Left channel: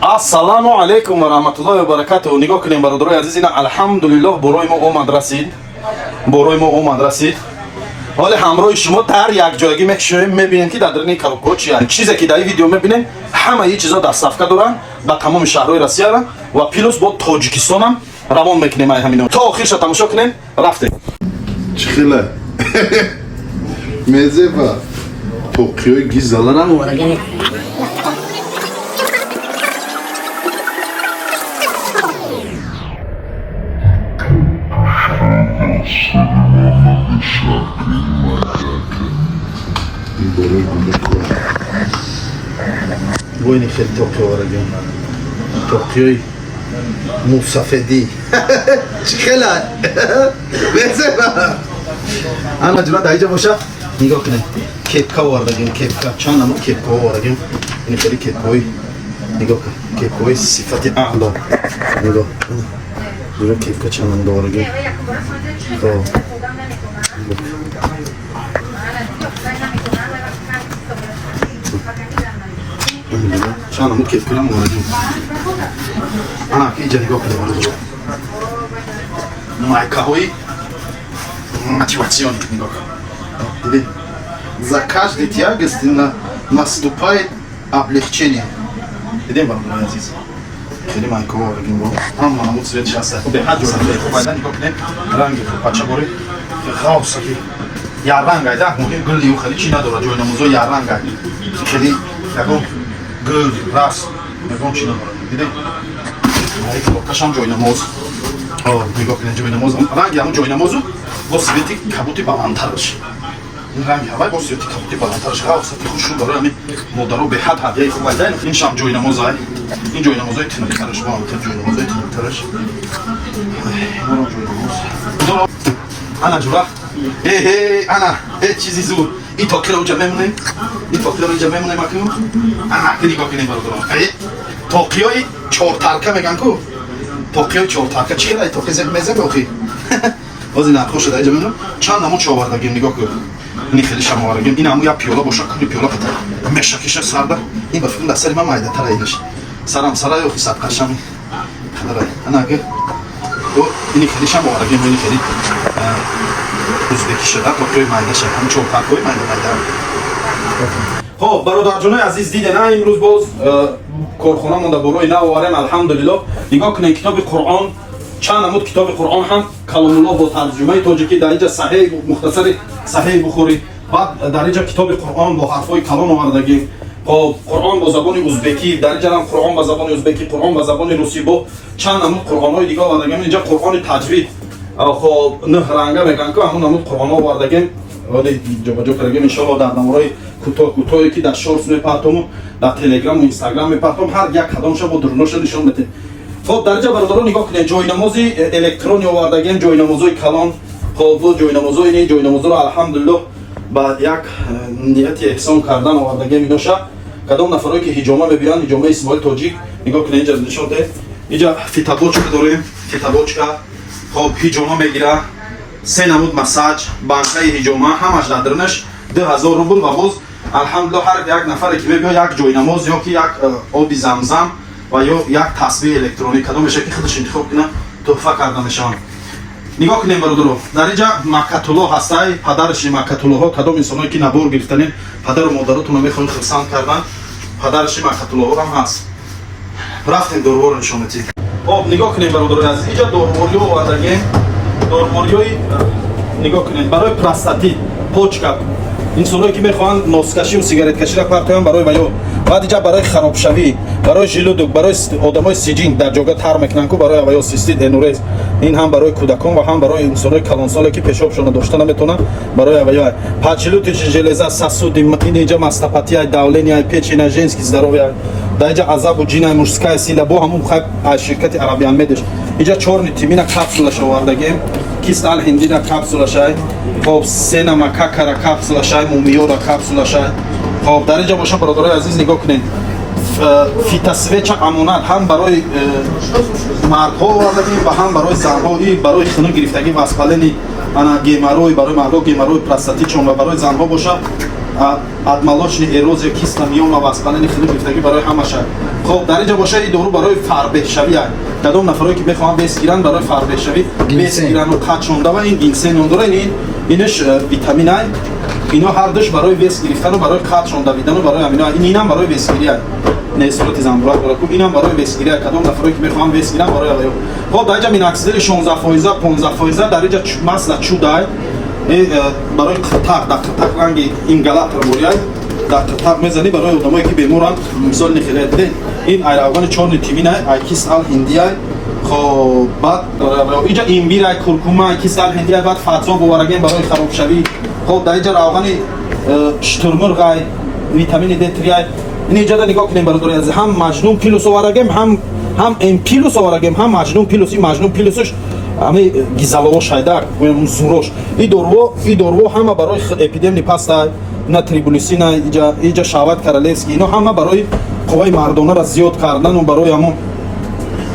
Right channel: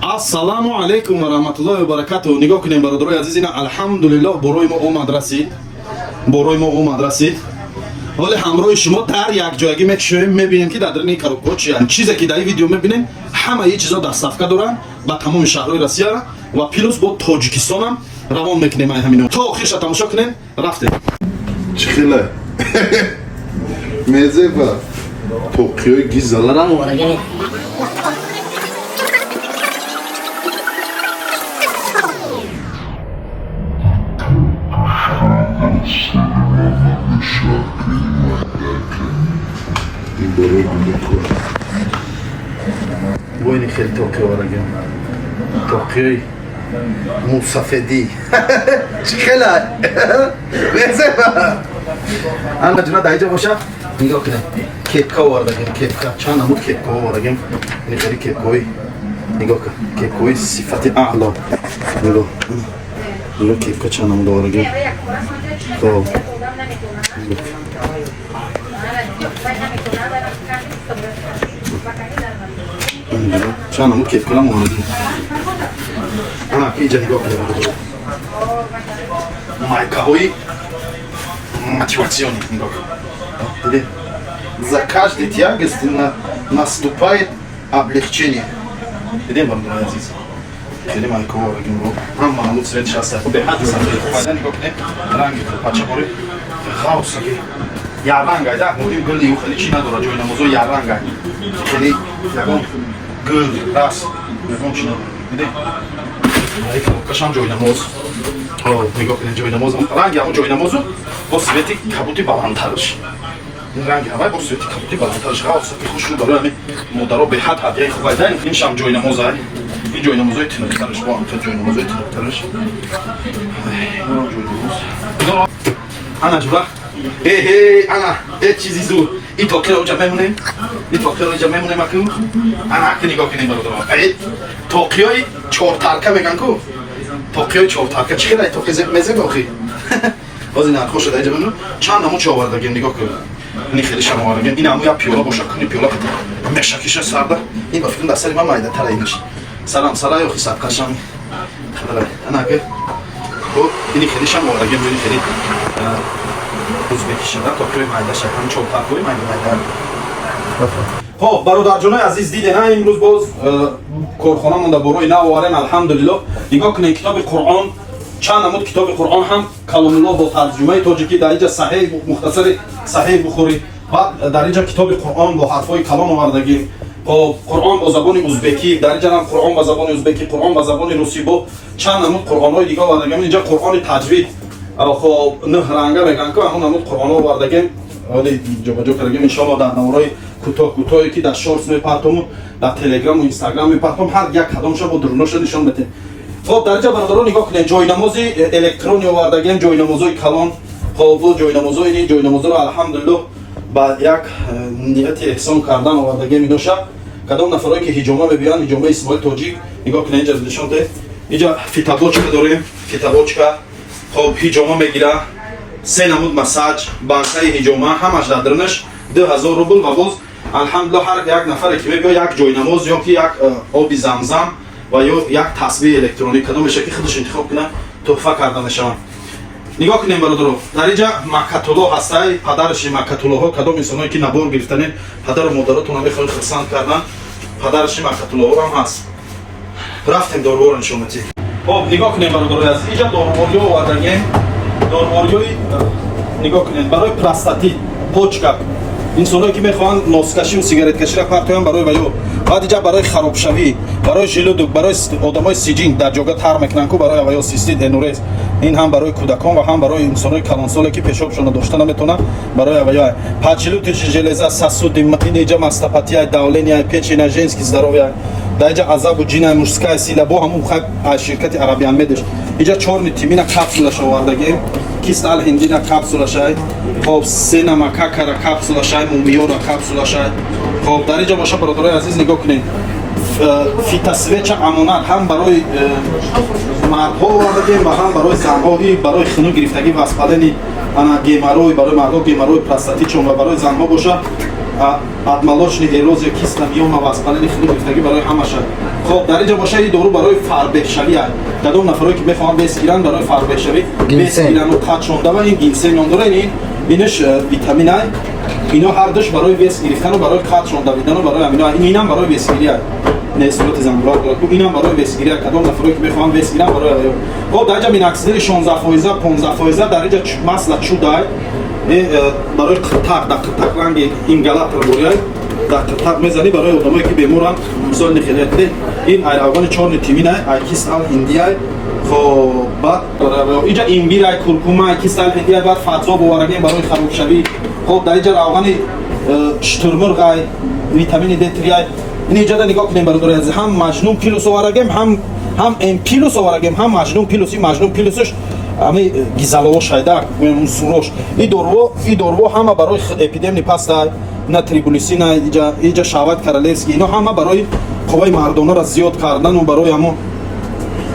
Ассаламу алейкум ва rahmatullohi ва баракатуҳ. Нигоҳ кунем бародарои азиз, ина алҳамдулиллоҳ борои мо омад расид. ҳоле ҳамроҳи шумо дар якҷоягӣ мекушоем, мебинем ки дар дарини коробкаҳо чи ян чизе ки дар ин видео мебинем, ҳамаи чизо дастсафка доранд ба тамоми шаҳрҳои Россияра ва плюс бо Тоҷикистонам равон мекунем. Ай ҳамино то охирша тамошо кунем. Рафтем. Чхила. Мезева. Токиои гизаларам варагами. Войни хел Токио варагам. Токиои мусафеди. Чхила. Мезева. Ана ҷуна даиҷа боша. Нигоҳ кунем. Кепка овардагем, кепка. Чанд намуд кепка овардагем. Нихели кепкаҳои нигоҳ кун. Кепкаҳои сифати аъло. Нигоҳ. Ҷуна кепка чанд намуд овардагем. То. Чанд намуд кепкалам овардагем. Ана иҷа нигоҳ кунем бародаро. Майкаҳои мотивациони нигоҳ. Видите? За каждый тягость наступает облегчение. Видите, бародарои азиз? Хеле майкаҳо овардагем. Ҳама намуд цвет шаста. Беҳад сафед. Файда нигоҳ кунем. Ранги пачабори ғавсаки. Ярранг айда, муҳим гӯли ӯ хеле чӣ надорад. Ҷойнамозо ярранг ай. Хеле ягон гӯл, рас, ягон чӣ надорад. Видите? Ай коробкашам ҷойнамоз. Нигоҳ кунем ҷойнамоз. Ранги ҳамон ҷойнамозу бо свети кабути баландтарш. Ин ранги ҳамаи бо свети кабути баландтарш. ғавсаки хушу барои ҳамин модаро беҳад ҳадияи хуб айда. Ин шам ҷойнамоз ай. Ин ҷойнамозои тинуктараш. Хел ҷойнамозои тинуктараш. Ана ҷура. Ана чизи зуд. Ин токиро ҷа мемонем. Ин токиро ҷа мемонем аку. Ана ки нигоҳ кунем бародаро. Токиои чортарка меган ку. Токиои чортарка чӣ хелай токи мезеб охи. Боз нархо шуда ҷа мемонем. Чанд намуд чӣ овардагем нигоҳ кун. Ин хеле шам овардагем. Ин ҳамун як пиёла боша куни пиёла ката. Мешакиша сарда. Ин ба фикр дастари ман майдатара инаш. Сарам сарай охи сабқашам. Ана ки. Ин хеле шам овардагем. Ин хеле узбеки шуда токиои майда шад. Ҳамун чортаркаи майда. Хоб бародарҷонои азиз дидена имрӯз боз корхонамонда борои нав оварем алҳамдулиллоҳ. Нигоҳ кунем китоби Қуръон, чанд намуд китоби Қуръон ҳам каломуллоҳ бо тарҷумаи тоҷикӣ, дар инҷа саҳеҳ мухтасари саҳеҳи бухорӣ, баъд дар инҷа китоби Қуръон бо ҳарфҳои калом овардагӣ, Қуръон бо забони узбекӣ, дар инҷа ҳам Қуръон ба забони узбекӣ, Қуръон ба забони русӣ, бо чанд намуд қуръонҳои дигар овардагем. Инҷа Қуръони таҷвид нӯҳранга мегӯянд ки ҳамун намуд қуръонҳо овардагем. ҷобаҷо кардагем иншоаллоҳ дар навораи кӯтоҳе ки дар шортс мепартом, дар телеграму инстаграм мепартом, ҳар як кадомша бо дурноша нишон метем. Хоб дар инҷа бародаро нигоҳ кунем. ҷойнамози электрони овардагем, ҷойнамозои калон. Хоб ҷойнамозои ҷойнамозоро алҳамдулиллоҳ ба як нияти эҳсон кардан овардагем. иноша кадом нафарое ки ҳиҷома мебиёянд, ҳиҷомаи исмоил тоҷик. нигоҳ кунем инҷа нишон де. инҷа фитабочка дорем, фитабочка. хоб ҳиҷома мегира. 3 намуд масаҷ, банкаи ҳиҷома, ҳамаш дар дарунаш 2000 рубл ва боз алҳамдулиллоҳ ҳар як нафаре ки мебиёяд як ҷойнамоз ё ки як оби замзам ва ё як тасбеҳ электронӣ кадомеша ки худаш интихоб кунад тӯҳфа карда мешаванд. нигоҳ кунем бародаро. дар инҷа маккатуллоҳ ҳастай, падараши маккатуллоҳо, кадом инсоное ки набор гирифтанед, падару модаротонро мехоҳед хурсанд кардан, падараши маккатуллоҳорам ҳаст. рафтем дорворо нишон метем. хоб нигоҳ кунем бародаро. аз инҷа дорвориҳо овардагем. дорвориҳои нигоҳ кунед барои простатит, почка, инсоное ки мехоҳанд носкашию сигареткаширо партоянд барои ваё, баъд инҷа барои харобшавӣ, барои жилудук, барои одамои сиҷин дар ҷога тар мекунанд ку барои ваё систит энурез. ин ҳам барои кӯдакон ва ҳам барои инсонои калонсоле ки пешобшона дошта наметавонанд барои ваё. Поджелудочная железа, сосуды, ин инҷа мастопатия, давления, печень, женский здоровье, дар инҷа азабу ҷина, мужская сила, бо ҳамун аз ширкати Арабиан Медиш. инҷа чорни тимина капсулаша овардагем, кист алҳиндина капсулашай, хоб сена макакара капсулашай, мумиёра капсулашай. хоб дар инҷа боша бародарои азиз нигоҳ кунед. фитосвеча амонат ҳам барои мардҳо овардагем ва ҳам барои занҳо. ин барои хунук гирифтагӣ воспалени геморрой, барои мардҳо геморрой простатитшон ва барои занҳо боша отмолочная эрозия киста миёна воспалени хунук гирифтагӣ барои ҳамаша. خب در اینجا باشه این دارو برای فربهشوی است. کدام نفرایی که میخوان بس گیرن برای فربهشوی بس گیرن و قد شونده و این گینسن داره اینش ویتامین ای اینا هر دوش برای بس گرفتن و برای قد شونده بودن و برای امینا اینم برای بس گیری است. نه صورت زنبورک برای اینم برای بس گیری است. کدام نفرایی که میخوان بس گیرن برای خب در اینجا میناکسیدل 16% 15% در اینجا مثلا چودای برای تق تق رنگ این غلط رو برای تق میزنی برای آدمایی که بیمارن مثال نخیلیت ده این ایراوان چهار تیمینه ایکیس ال هندیه خب بعد داره اینجا این بیره کرکوما ایکیس ال هندیه بعد فتوا بوارگیم برای خراب شوی خب در اینجا روان شترمرغ ویتامین د 3 این اینجا نگاه کنیم برای از هم مجنون پیلوس وارگیم هم این پیلوس وارگیم هم مجنون پیلوسش همه گیزالو شایدک و سروش این دورو همه برای اپیدمی پاستا نه تریبولیسین اینجا شاوات کارالسکی اینا همه برای قوای مردانه را زیاد کردن و برای همون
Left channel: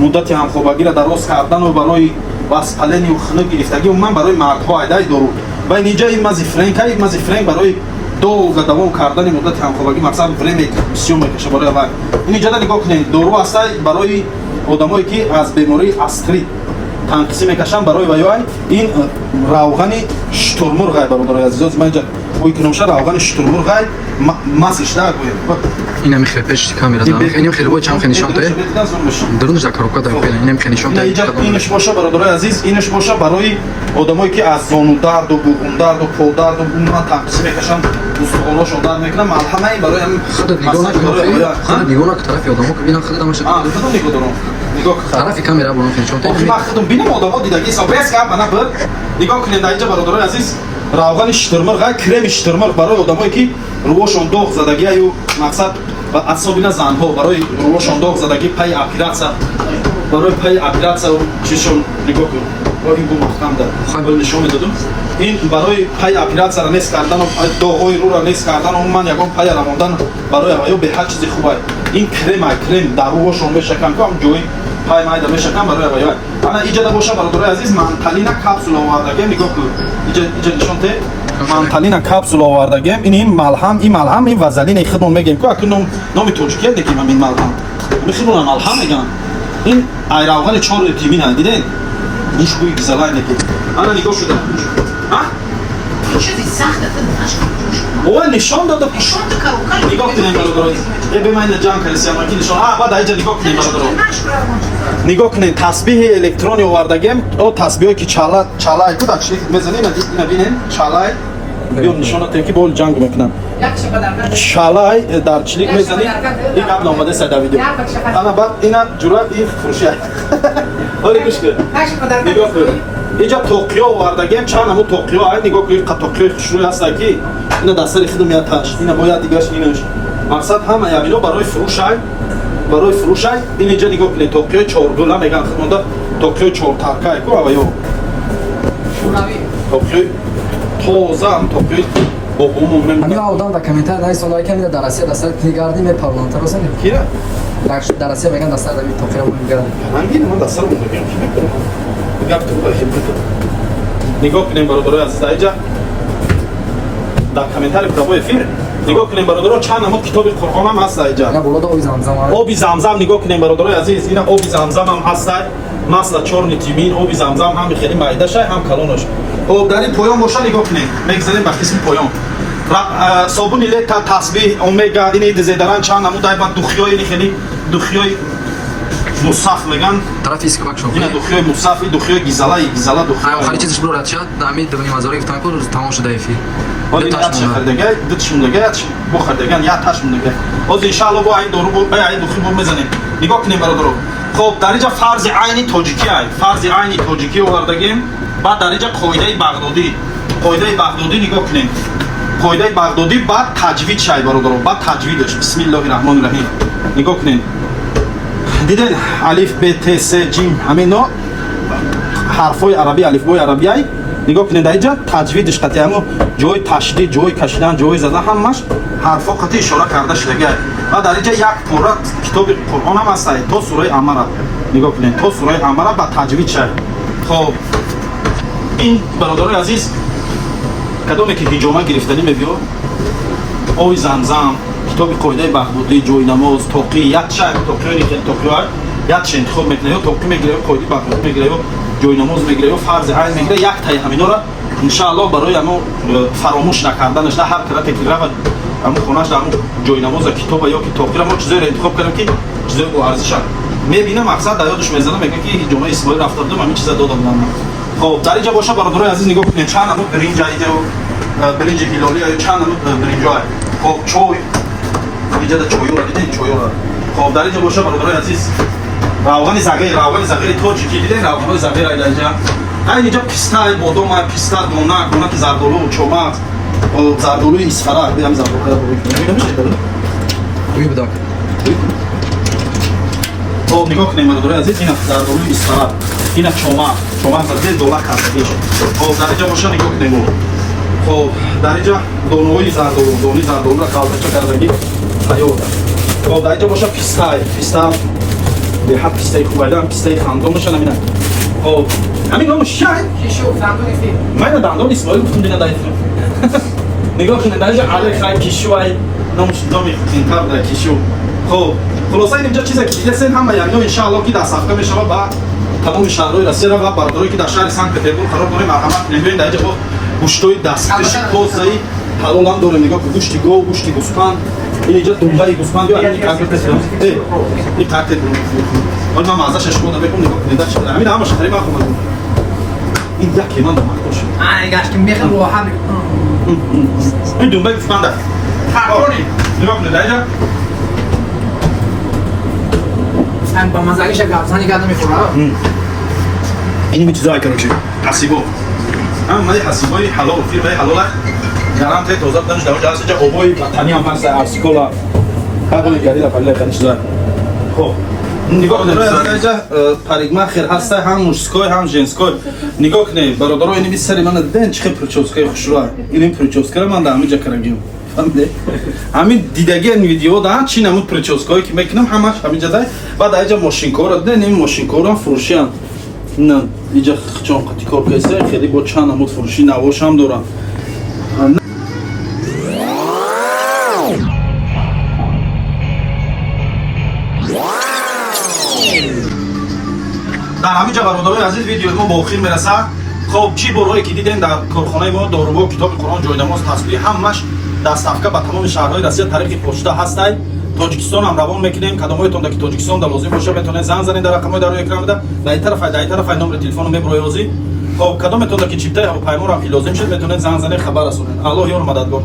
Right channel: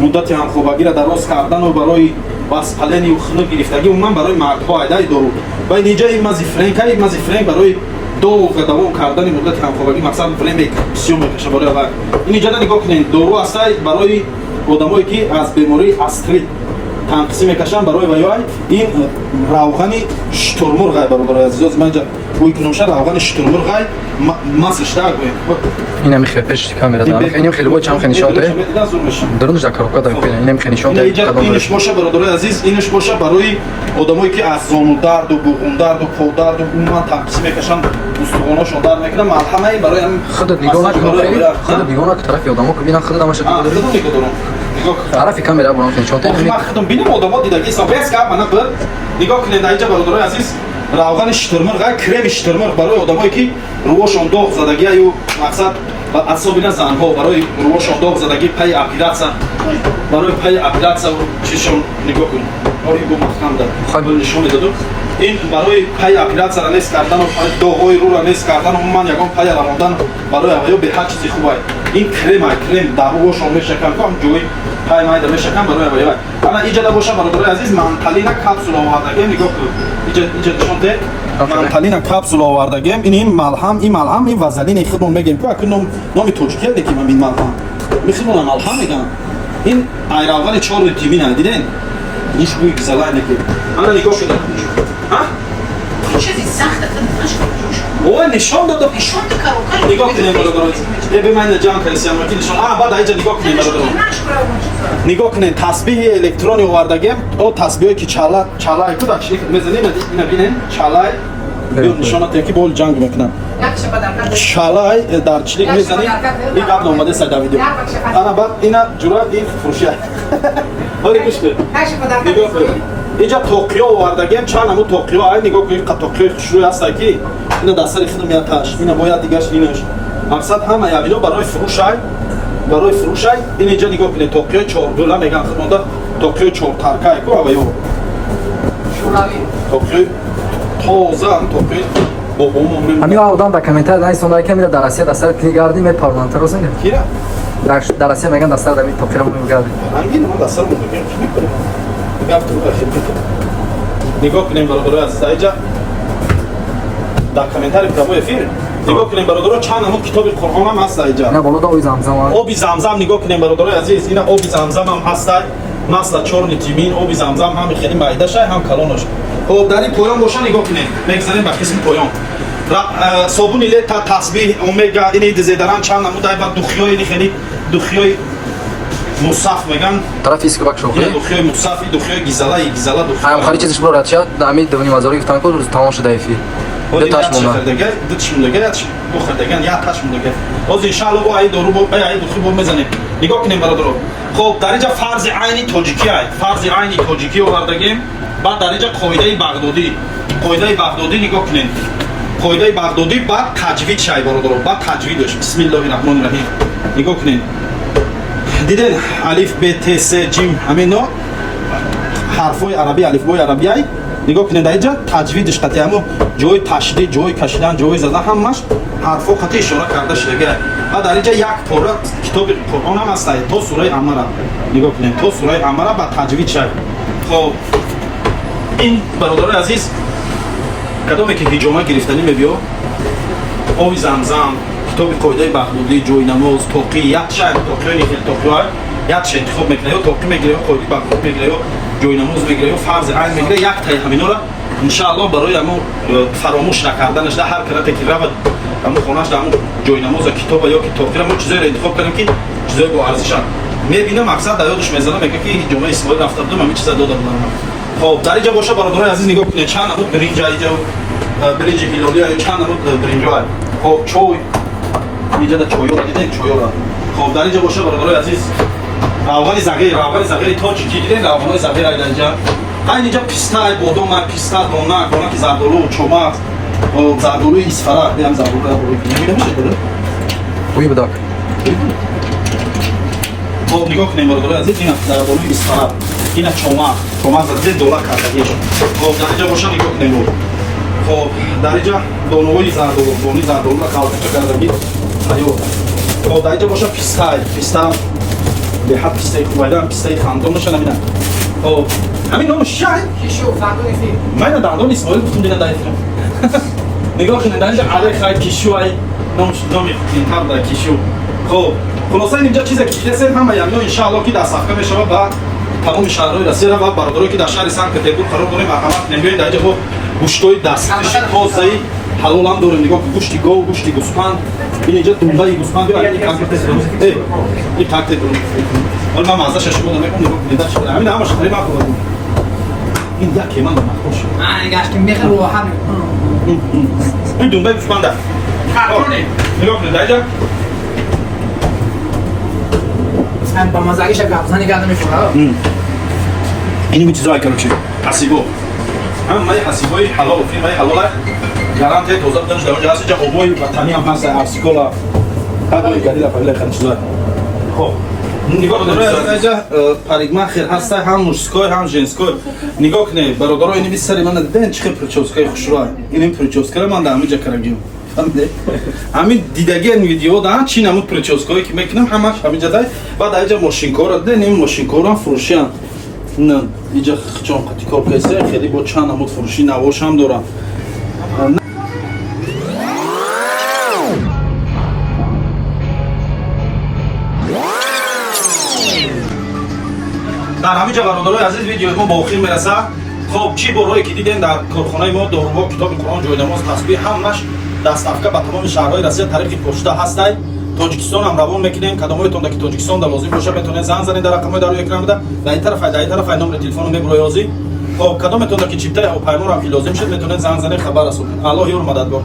مدت هم خوابگی را دراز کردن و برای واسپالنی و خنک گرفتگی و من برای مردها ایدای دورو و اینجا این مزیفرنگ برای دو دوام کردن مدت هم خوابگی مثلا فلمی سیوم میکشه برای اول اینجا نگاه کنید دورو است برای آدمایی که از بیماری استری تنقسی میکشن برای ویای این روغن شترمرغ برای عزیز من اینجا وی کنوشه روغن شترمرغ ماسش دار اینم خفش کامرا دارم اینم خیلی باید چم خیلی نشون داره درونش دکارو کدا پینا اینم خیلی نشون داره اینش باشه برای عزیز اینش باشه برای آدمایی که از زانو درد و بوم درد و پا درد و اونها تنقسی میکشن استخواناشون درد میکنه ملحمه برای خود نگاه که طرف آدمو که ببینن خود دمش طرف کامرا برام خیلی نشون داره خودم ببینم آدمو دیدگی سابس که من بر نگاه کنید اینجا برای عزیز روغن شترمرغ کرم شترمرغ برای آدمایی که روشون داغ زدگی و مقصد با اعصاب زنها برای روشون داغ زدگی پای اپیراتسا برای پای اپیراتسا و چیشون نگاه کن این بو محکم داد خود نشون دادم این برای پای اپیراتسا را نس کردن و داغای رو را نس کردن و من یگان پای رمضان برای اوایو به هر چیزی خوبه این کرم در روشون میشکن که جوی پای مای در میشکن برای اوایو انا ایجاد باشه برای عزیز منتالینا کپسول آوردگی نگاه کن اینجا نشون ده منتالینا کپسول آوردگی این ملهم این وازلین خودمون میگیم که اکنون نام توجیه دیدیم این ملهم میخوام ملهم میگم این ایراوان 4 تیمین دیدین نیش بوی گزالای نگی انا نگاه شده ها چیزی سخته اوه نشان داده نگاه کنیم برای به من جان کلیسی امریکی نشان بعد اینجا نگاه کنیم برای نگاه کنیم تسبیح الکترونی آوردگیم او تسبیحی که چالای کدا چی میزنیم نبینین چالای بیا نشان دادم که بول جنگ میکنم چالای در چلیک میزنیم این قبل اومده سر ویدیو انا بعد اینا جورا این فروشه آره گوش کن نگاه کن اینجا توکیو آوردگیم چند همون توکیو نگاه کنیم توکیو خوشروی هست که اینا دستر خودم یا تاش اینا باید دیگهش اینش مقصد همه یا اینو برای فروش این اینجا نگاه کنید توکیو 4 دلار میگن خودمون توکیو 4 ترکای کو آقایو توکیو تازه توکیو بابام من همین آدم در کامنتر دای سوالای که میاد درسته دستر کلیگاردی می پارلمانتر واسه میاد کیه درسته میگن دستر در توکیو میگردی هنگی من دستر میگم نگاه کنیم برادر از اینجا در کامنتر کتابای فیر نگاه کنیم برادر چند همون کتاب قرآن هم هست اینجا نه بالا آبی زمزم آبی زمزم نگاه کنیم برادر عزیز اینا آبی زمزم هم هست مثلا 4 نیتیمین آبی زمزم هم خیلی معده‌ش هم کلانش خب در این پایان باشه نگاه کنیم میگذاریم به قسم پایان صابون لیتا تسبیح اومگا این دیزیدران چند همون دای بعد دخیای خیلی دخیای مصاف میگن طرف ایسک باک شو این دخیای مصافی دخیای گیزالا دخیای هم خالی چیزش برو رد شد دامی دونی مزاری گفتم که تمام شده ایفی ولی تاش دیگه دوتشون دیگه بخوردگان یا تاشون دیگه از ان شاء الله با این دورو با این دخیل بود میزنیم نگاه کنیم برادر خب در اینجا فرض عینی توجیکی آوردگیم بعد در اینجا قاعده بغدادی نگاه کنیم قاعده بغدادی بعد تجوید شای برادر بعد تجویدش بسم الله الرحمن الرحیم نگاه کنیم دیدن الف ب ت س جیم همین نوع حرفای عربی الف بای عربی نگاه کنید در اینجا تجویدش قطعی همون جای تشدید جای کشیدن جای زدن همش حرفا قطعی اشاره کرده شده و در اینجا یک پاره کتاب قرآن هم هست تا سوره امره نگاه کنید تا سوره امره با تجوید شد خب این برادر عزیز کدومی که هجومه گرفتنی میبیو آبی زمزم китоби қоидаи баҳдудӣ, ҷойнамоз, тоқӣ, як чай тоқиёни хел тоқиёй як чай интихоб мекунад, ё тоқӣ мегирад, ё қоидаи баҳдудӣ мегирад, ё ҷойнамоз мегирад, ё фарзи айн мегирад, як таи ҳаминора иншааллоҳ барои ҳамо фаромӯш накарданаш дар ҳар карате ки равад ҳамо хонаш дар ҳамо ҷойнамоза китоба ё ки тоқира мо чизеро интихоб кардем ки чизои бо арзишанд мебинам мақсад дар ёдаш мезанам мегӯяд ки ҷомаи исмоил рафта будам ҳамин чиза дода будам. خب در اینجا باشه برادران عزیز نگاه کنید چند نمود برنج اینجا برنج گیلولی های چند نمود برنج های خب چای اینجا در چایو را دیدین چایو را خب در اینجا باشه برادران عزیز روغن صغیر تا چی دیدین روغن صغیر اینجا اینجا پیستا بادام پیستا نونک زردالو چماق و زردالو اصفرا میام زردالو خوبی بدار خب نگاه کنید برادران عزیز این زردالو اصفرا این چماق زردالو دولت کردگیش خب در اینجا باشه نگاه کنید خب در اینجا دونوی زردالو را کالتچه کردگی حیات خب در اینجا باشه پیستا به حد پیستای خوبیدن پیستای خاندان نشان همینه خب همین نام شای من دندان اسماعیل بودم دیگه دایتون نگاه کنید در اینجا علی خیلی کشو ای نامی تینتر در کشو خب خلاصه اینجا چیزی که دیدین همه یعنی انشاءالله که در صفحه میشه و تمام شهرهای روسیه و برادرایی که در شهر سنت پترزبورگ قرار داریم مرحمت نمی‌بینید در اینجا با گوشتای دستکش تازه‌ای حلال هم داریم نگاه کن گوشت گاو گوشت گوسفند اینجا دنبال گوسفند یا این کاکت این کاکت حالا من مزه‌اش خودم میگم نگاه کنید داشت همین همش خیلی مخوام این یک کیمان دارم خوش گاش که میخوام رو هم این دنبال گوسفند نگاه کنید در اینجا من با مزه‌اش گفتنی کردم می‌خوره این چیزایی که روچی حسیبو هم مای حسیبای حلال و فری مای حلال گارانتی توزیع دادنش در اونجا هست اینجا آبای وطنی هم هست ارسیکولا هرگاهی گری را پله خیلی چیزا خب نگاه کنید اینجا پاریگما خیر هست هم مشسکای هم ژنسکای نگاه کنید برادرها اینی بیشتری من دیدن چه پرچوسکای خوشرو این پرچوسکای من در همینجا کردم فهمیده همین دیدگی این ویدیو دارن چی نمود پرچوسکایی که میکنم همش همینجا دای بعد اینجا ماشینکار را دیدن این ماشینکار هم فروشیان نه اینجا چون قطعی کار کیسه خیلی با چند نمود فروشی نواش هم دارن در همینجا برادرای عزیز ویدیو ما با آخر میرسه خب چی برای که دیدین در کارخانه ما داروها کتاب قرآن جای‌نماز تسبیح همش دستافکا با تمام شهرهای روسیه طریق پشت هستای تاجیکستان هم روان میکنیم کدامایتون که تاجیکستان در لازم باشه میتونین زنگ زنید در رقمای در اکران بده در این طرف نمبر تلفن میبرای ازی خب کدامتون که چیپتای پیمون هم که لازم شد میتونین زنگ زنید خبر رسونید الله یار مددگار